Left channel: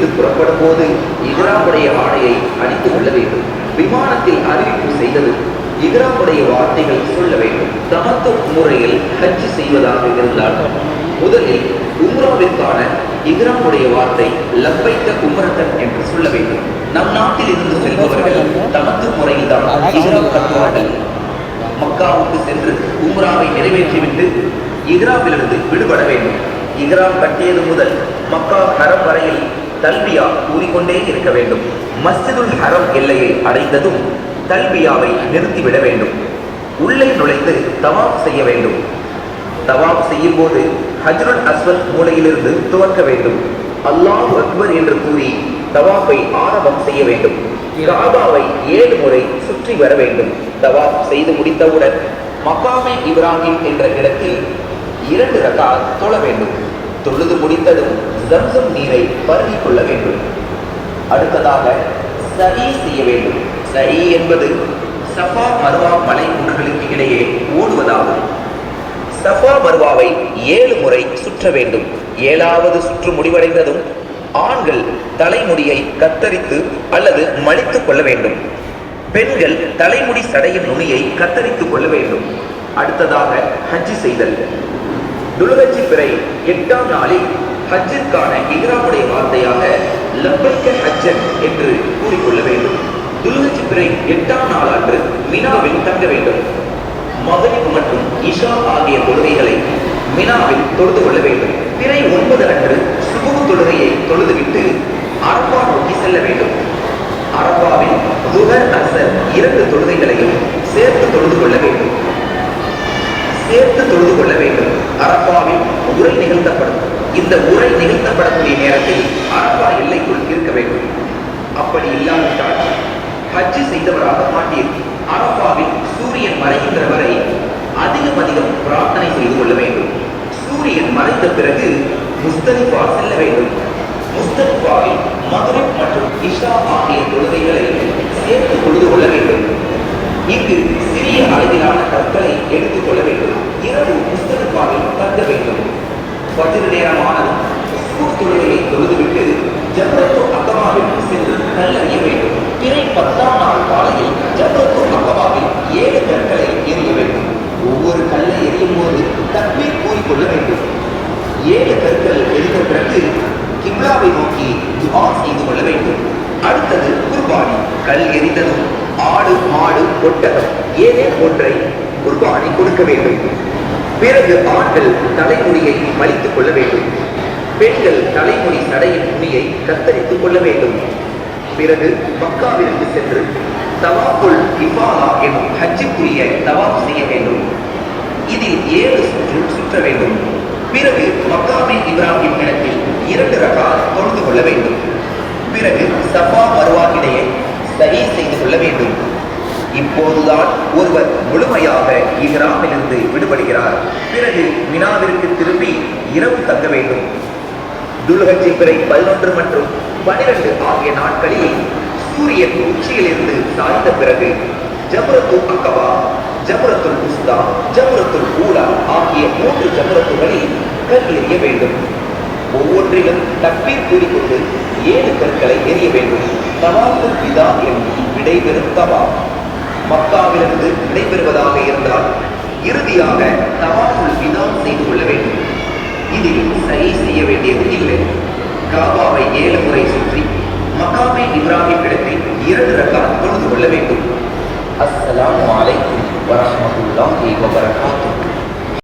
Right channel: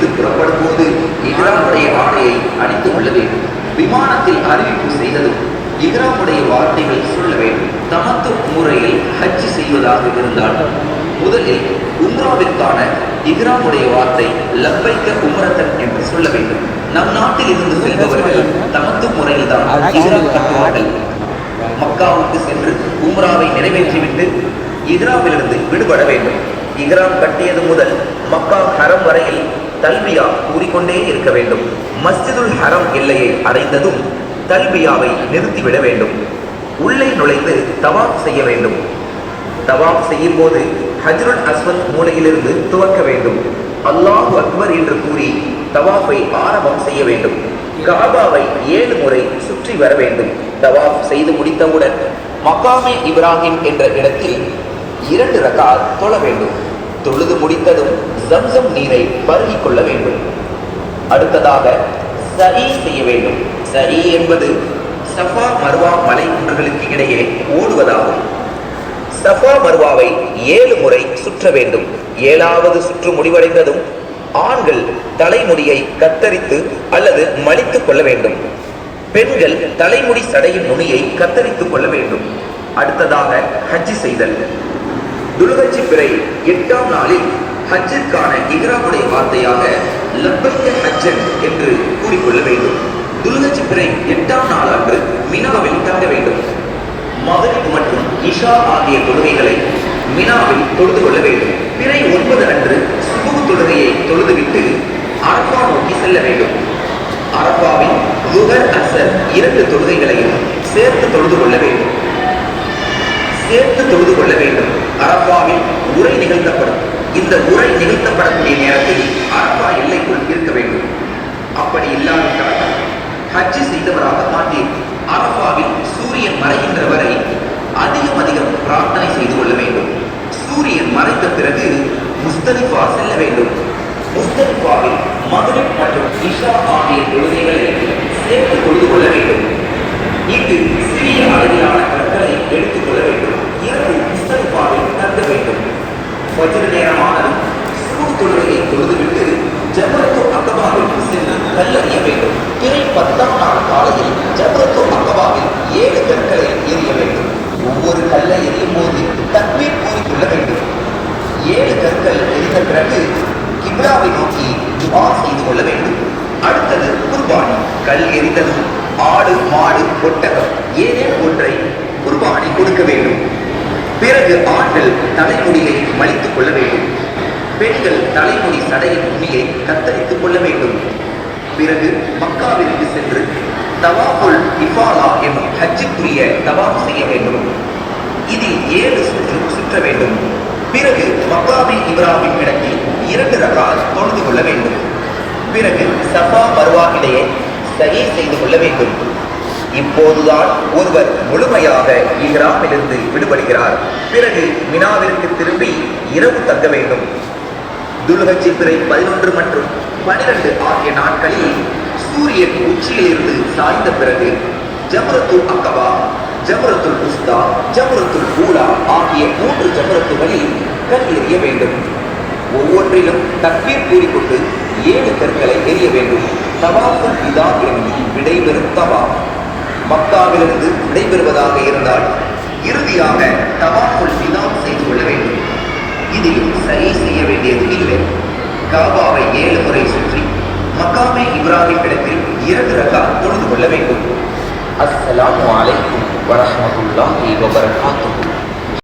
வீட்டிலிருந்து புறப்படும் போது இஹ்ராமுடைய ஆடையை அணிந்து கொள்ள வேண்டும். விமானத்தில் அறிவிப்பு செய்ததும் இஹ்ராமுடைய வார்த்தைகள் சொல்ல வேண்டும். தமத்து முறையில் ஹஜ் செய்வதாக இருந்தால் முதலில் உம்ராவிற்கான இஹ்ராமுடைய வார்த்தை லப்பைக்க உம்ரத்தன் என்று சொல்ல வேண்டும். நம் நாட்டில் இருந்து செல்பவர்கள் தமத்து முறையில் தான் இஹ்ராம் கட்டுவார்கள். மக்காவுக்கு சென்று உம்ராவை நிறைவேற்றிவிட்டு இஹ்ராமிலிருந்து விடுபட வேண்டும். இஹ்ராம் கட்டியது முதல் மக்கா ஹரம் வரையில் தல்பியா கூறிக்கொண்டே இருக்க வேண்டும். மஸ்ஜிதுல் ஹரம் எல்லையை அடைந்ததும் தல்பியாவை நிறுத்திவிட வேண்டும். உள்ளே நுழைந்து தவாப் செய்ய வேண்டும். தவாப் செய்யும் போது ஹஜ்ருல் அஸ்வத் மூலையிலிருந்து துவக்க வேண்டும். அல்லாஹு அக்பர் என்று கூறி தவாஃபை ஆரம்பம் செய்ய வேண்டும். காபாவை 7 முறை சுற்றி வர வேண்டும். தவாஃப் செய்து முடித்தவுடன் மக்காமே இப்ராஹிம் என்ற இடத்தில் 2 ரகாத் தொழ வேண்டும். தொழுது முடித்ததும் ஜம்சம் நீரை பருகிக் கொள்ள வேண்டும். அடுத்ததாக சஈ செய்ய வேண்டும். சஈ என்பது சஃபா மர்வா மலை குன்றுகளுக்கு இடையே ஓடுவதாகும். சஃபா மர்வாவை 7 முறை சுற்ற வேண்டும். 7வது சுற்று முடிவடைந்ததும் ஆண்கள் தலைமுடியை கத்தரித்து அல்லது மடித்துக் கொள்ள வேண்டும். பெண்கள் தலைமுடி சடையின் நுனியை கத்தரித்துக் கொள்ள வேண்டும். அடுத்ததாக ஹஜ் செய்தல். துல்ஹஜ் பிறை 8ஆம் நாளில் ஹஜ்ஜிற்கான இஹ்ராமுடைய வார்த்தையாக லப்பைக்க ஹஜ்ஜன் என்று கூறிக்கொள்ள வேண்டும். துல்ஹஜ் பிறை 8ஆம் நாள் அன்று மினாவில் தங்க வேண்டும். மக்ரிப் மற்றும் இஷா ஆகிய தொழுகைகளை மினாவில் தொழுது கொள்ள வேண்டும். பிறை 9 அன்று சுபஹ் தொழுகையை தொழுதுவிட்டு அரஃபா நோக்கி செல்ல வேண்டும். அரஃபாவில் லுஹர் அஸ்ர் 2 தொழுகைகளையும் சேர்த்து தொழுது கொள்ள வேண்டும். அரஃபாவில் உரை நிகழ்த்தப்படும். இந்த உரை நிகழ்த்தப்படக்கூடிய நேரத்தில் அரஃபா எல்லைக்குள் இருக்க வேண்டும். அப்படி இல்லாவிட்டால் ஹஜ் செய்தவராக மாட்டீர். அரஃபாவில் சூரியன் மறைகின்ற வரை அதிகம் பிரார்த்தனை செய்து கொள்ள வேண்டும். சூரியன் மறைந்த பிறகு முஸ்தலிஃபா செல்ல வேண்டும். முஸ்தலிஃபாவில் மக்ரிப் மற்றும் இஷா ஆகிய தொழுகைகளை சேர்த்து தொழுது கொள்ள வேண்டும். இங்கு சிறிய அளவிலான கற்களை எடுத்துக் கொள்ள வேண்டும். இரவு முஸ்தலிஃபாவில் தங்க வேண்டும். ஃபஜ்ர் நேரமானதும் சுபஹ் தொழுகையை தொழுதுவிட்டு ஜம்ரத்து அக்பாவில் சென்று கல்லறிய வேண்டும். பிறை 10ஆம் நாள் காலையில் ஜம்ரத்து அக்பாவில் 7 கற்களை எறிய வேண்டும். ஒவ்வொரு கல்லை எறியும் போது தக்பீர் கூறிக்கொள்ள வேண்டும். 7 கற்கள் எரிந்த பிறகு கிப்லாவை நோக்கி துஆ செய்து கொள்ள வேண்டும். அடுத்தது குர்பானி. கல் எரிந்ததும் ஆடு, மாடு, ஒட்டகம் ஏதேனும் ஒன்றை குர்பானி கொடுக்க வேண்டும். பிறகு ஆண்கள் தலைமுடியை மலித்துக் கொள்ள வேண்டும். பெண்கள் தலைமுடி சடையின் நுனியை கத்தரித்துக் கொள்ள வேண்டும். பிறகு மக்காவிற்கு சென்று தவாஃபுல் இஃபாதா என்னும் ஹஜ்ஜுக்குரிய தவாஃப் செய்ய வேண்டும். இதில் 7 சுற்று சுற்ற வேண்டும். பிறகு மக்காமே இப்ராஹிம் இடத்தில் 2 ரகாத் தொழுது கொள்ள வேண்டும். பிறகு சஃபா மர்வா இடையே சஈ செய்து கொள்ள வேண்டும். இப்போதுதான் ஒருவர் முழுமையாக இஹ்ராமிலிருந்து விடுபடுகிறார். பிறகு மினாவிற்கு திரும்பி இரவு தங்க வேண்டும். துல்ஹஜ் பிறை 11 மற்றும் 12 ஆகிய நாட்களில் சூரியன் உச்சியிலிருந்து சாய்ந்த பிறகு ஜம்ரத்துல் அக்பா, ஜம்ரத்துல் உஸ்தா, ஜம்ரத்துல் ஊலா ஆகிய 3 ஜம்ரத்துகளில் கல் எறிய வேண்டும். ஒவ்வொன்றிலும் தக்பீர் கூறிக்கொண்டு 7 கற்களை எறிய வேண்டும். தவாஃபுல் விதா என்னும் விடைபெறும் தவாஃப். மக்காவிலிருந்து விடைபெறுவதாக இருந்தால் இறுதியாக தவாஃபுல் விதா செய்து கொள்ள வேண்டும். இதில் சஈ செய்ய வேண்டியது இல்லை. காபாவை 7 முறை சுற்றி மக்காமே இப்ராஹிம் இடத்தில் 2 ரகாத் தொழுது கொள்ள வேண்டும். அஸ்ஸலாமு அலைக்கும் வரஹ்மத்துல்லாஹி வபரகாத்துஹு.